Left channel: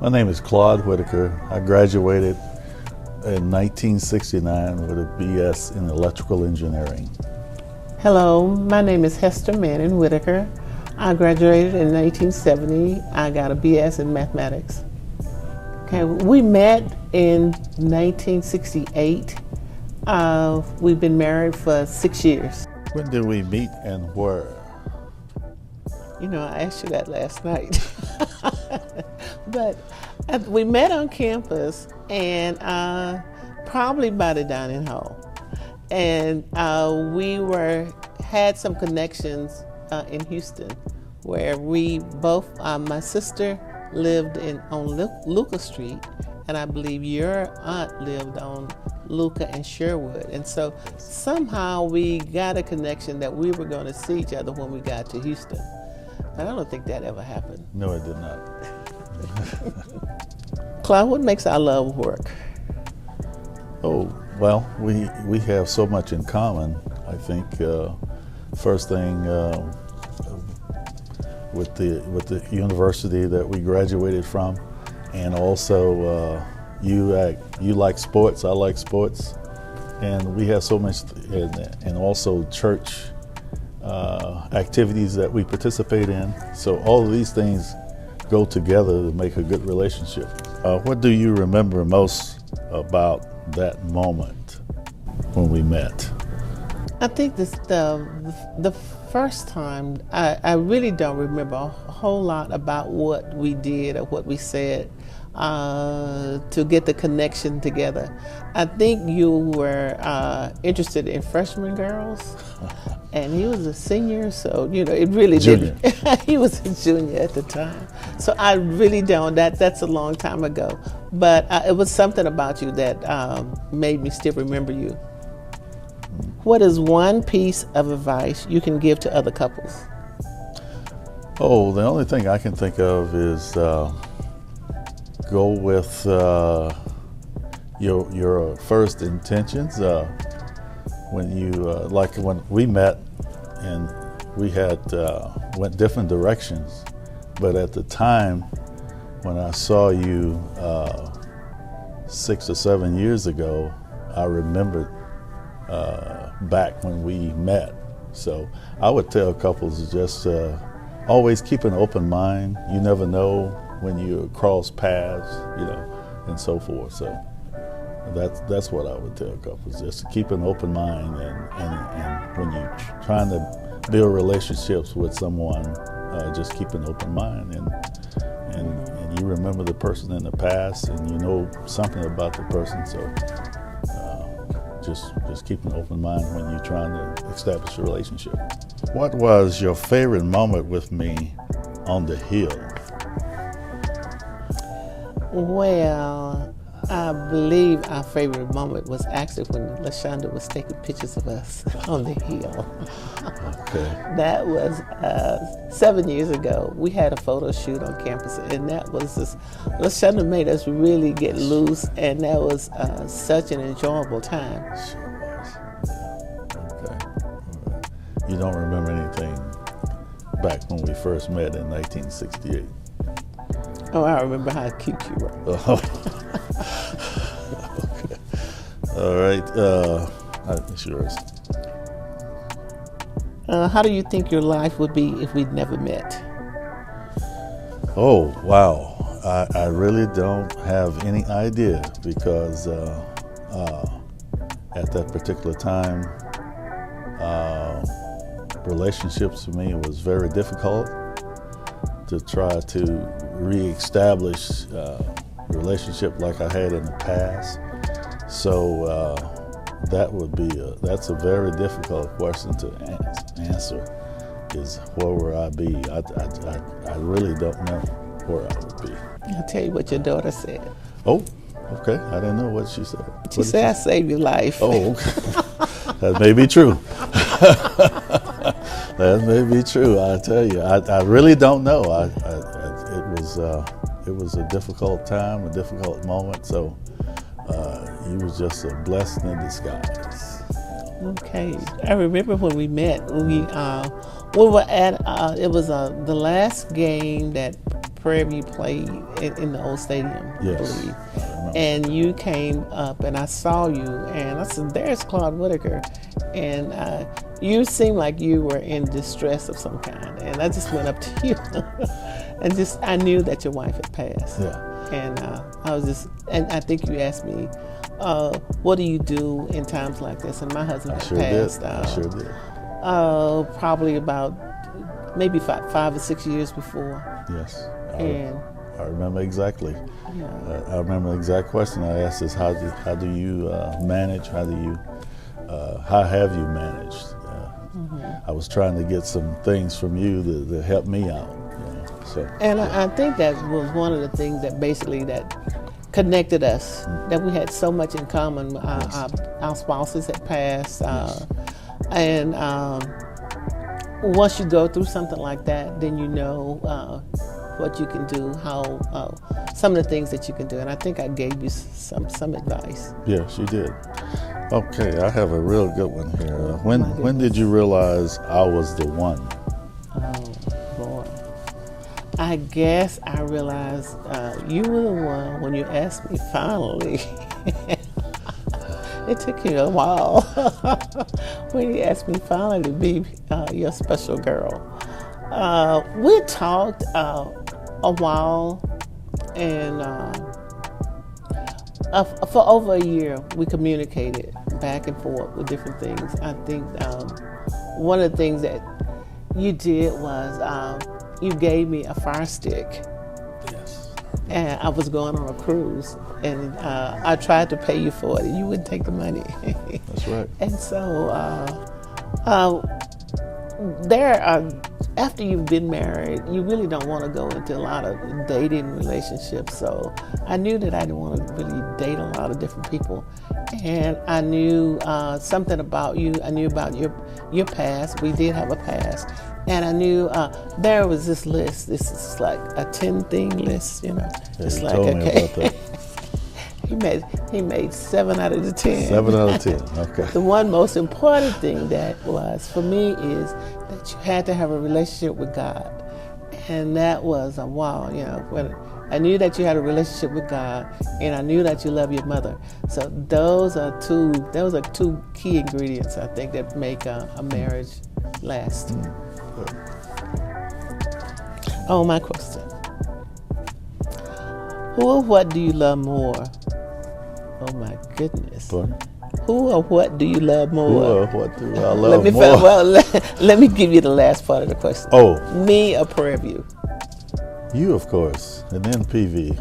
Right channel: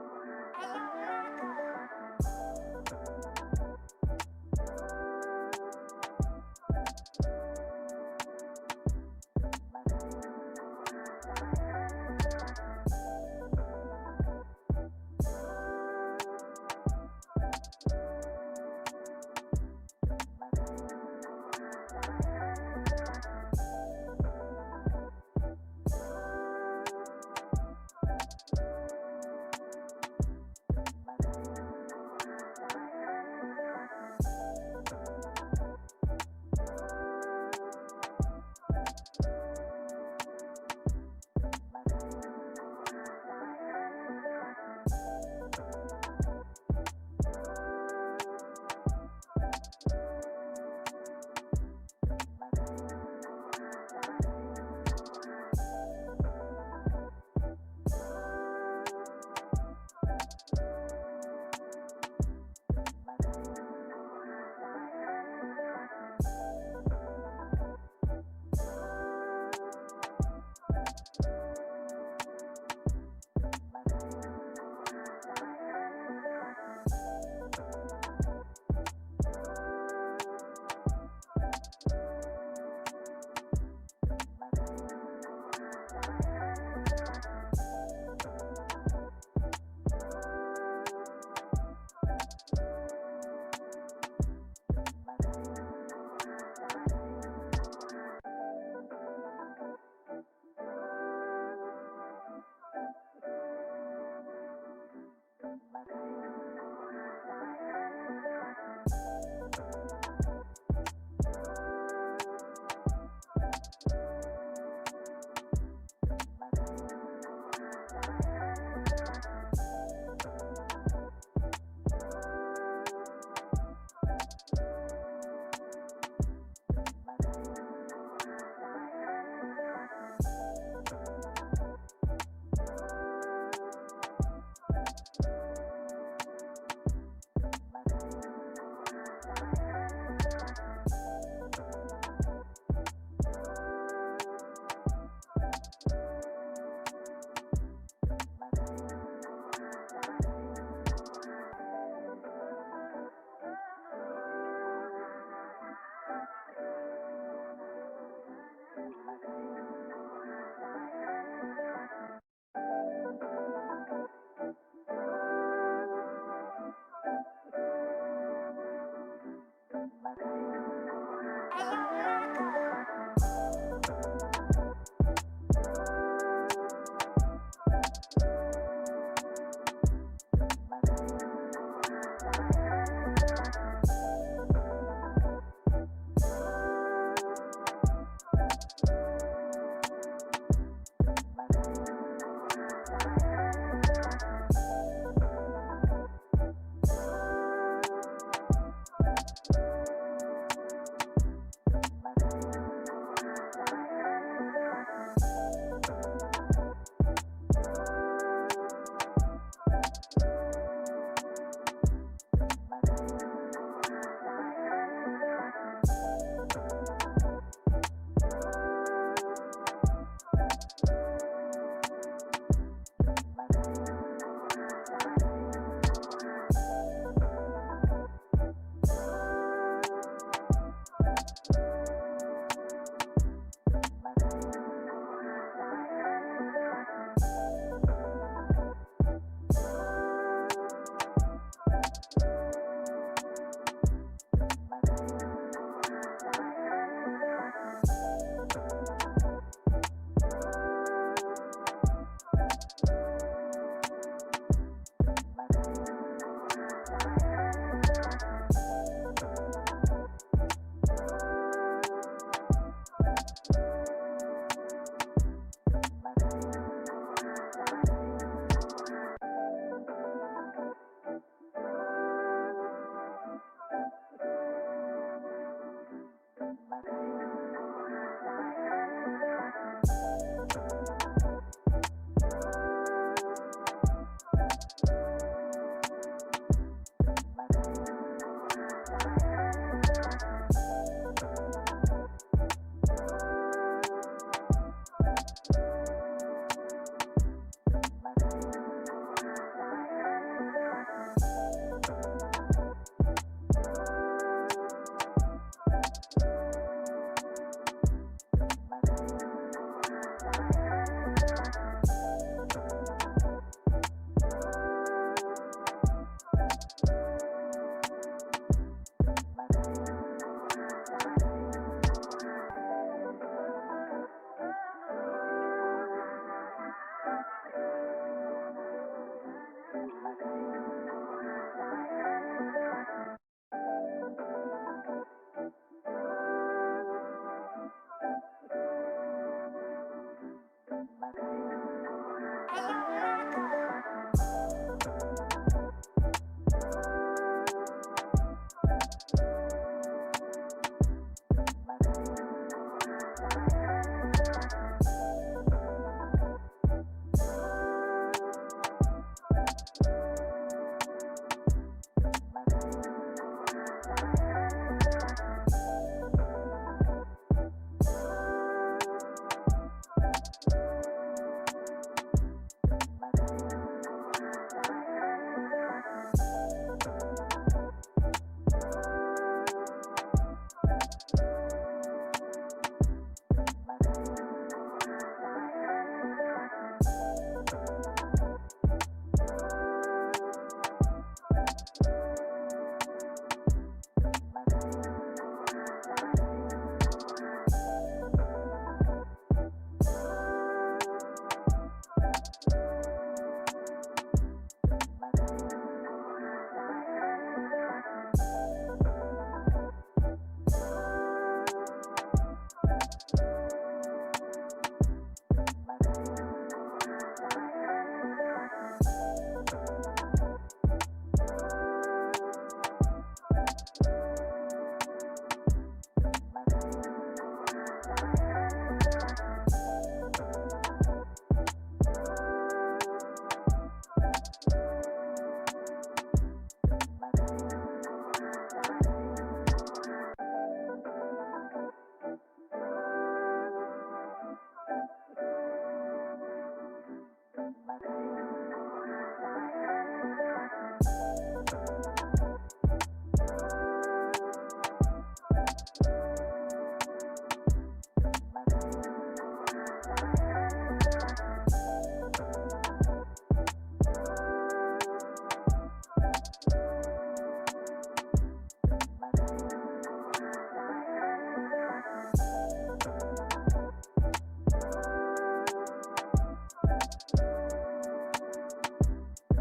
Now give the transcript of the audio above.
My name is Claude Whitaker. I graduated in 1969 with a BS in electrical engineering. Hello, my name is Hester Whitaker. I graduated in 1970. I got a BS in mathematics. Okay, we met in 1968. We've been married for 6 years. When did we meet and where? You know, I asked you that last night. But we met on campus and probably by the dining hall. And we had some connections in Houston where we both, my sister lived on Lucas Street, and I believe your aunt lived on Luca and Sherwood. And so somehow we got a connection that we were going to see each other when we got to Houston. And I don't think that ever happened. No, it did not. Claude, what makes our love work? Oh, well, we have so much in common. I think first thing with the university that we graduated from, and also you like sports, I like sports, and we have so much, and also church activities that we participate in. So all of these things go together to make a good relationship. What do you remember most about that moment when we met? I think the first time, I really don't remember a whole lot about what we did or what we said to get the connection together. I think you were interested in freshman girls, and he was a senior, so you know it really Junior. didn't. He was a junior at the time, so I really don't. That's a long time ago, but it was something about you that made me still remember you. What is one piece of advice you can give to other couples? Oh, the only thing I can think of is go with your first intentions. When you like when we met, and we had went different directions, but at the time when I saw you 6 or 7 years ago, I remembered back when we met. So I would tell couples to just always keep an open mind. You never know when you cross paths, you know, and so forth. So that's what I would tell couples, just to keep an open mind, and when you're trying to build relationships with someone, just keep an open mind, and you remember the person in the past, and you know something about the person, so just keep an open mind when you're trying to establish a relationship. What was your favorite moment with me on the hill? Well, I believe our favorite moment was actually when LaShonda was taking pictures of us on the hill. Okay. That was 7 years ago. We had a photo shoot on campus, and that was just, LaShonda made us really get loose, and that was such an enjoyable time. Okay. You don't remember anything back when we first met in 1968? Oh, I remember how cute you were. Okay. All right. That's yours. How do you think your life would be if we'd never met? Oh, wow. I really don't have any idea, because at that particular time, relationships for me was very difficult to try to reestablish relationship like I had in the past. So that's a very difficult question to answer, is where would I be? I really don't know where I would be. I'll tell you what your daughter said. Oh, okay. I didn't know what she said. She said, I saved your life. Oh, okay. That may be true. That may be true. I tell you, I really don't know. It was a difficult time, a difficult moment. So you was just a blessing in disguise. Okay, I remember when we met. We were at. It was the last game that Prairie View played in the old stadium, Yes. I believe. And you came up, and I saw you, and I said, "There's Claude Whitaker," and you seemed like you were in distress of some kind, and I just went up to you, and I knew that your wife had passed, Yeah. and and I think you asked me, "What do you do in times like this?" And my husband had passed. I sure did. Probably about maybe 5 or 6 years before. Yes. And I remember exactly. I remember the exact question I asked is, how do you manage? How have you managed? I was trying to get some things from you to help me out. And I think that was one of the things that basically that connected us, that we had so much in common. Our spouses had passed, and once you go through something like that, then you know what you can do, how some of the things that you can do. And I think I gave you some advice. Yes, you did. Okay, I have a real good one here. When did you realize I was the one? Oh, boy. I guess I realized you were the one when you asked me finally. It took you a while when you asked me finally to be your special girl. We talked a while, and for over a year, we communicated back and forth with different things. I think one of the things that you did was you gave me a fire stick. Yes. And I was going on a cruise, and I tried to pay you for it, and you wouldn't take the money. That's right. And so after you've been married, you really don't want to go into a lot of dating relationships. So I knew that I didn't want to really date a lot of different people. And I knew something about you. I knew about your past. We did have a past. And I knew there was this list. This is like a 10-thing list, you know. It's like, okay. He made 7 out of the 10. 7 out of 10, okay. The one most important thing that was for me is that you had to have a relationship with God. And that was a wow, you know. When I knew that you had a relationship with God, and I knew that you love your mother. So those are two key ingredients, I think, that make a marriage last. Oh, my question. Who or what do you love more? Oh my goodness. Who or what do you love more? Who or what do I love more? Let me give you the last part of the question. Oh. Me or Prairie View? You, of course, and then PV.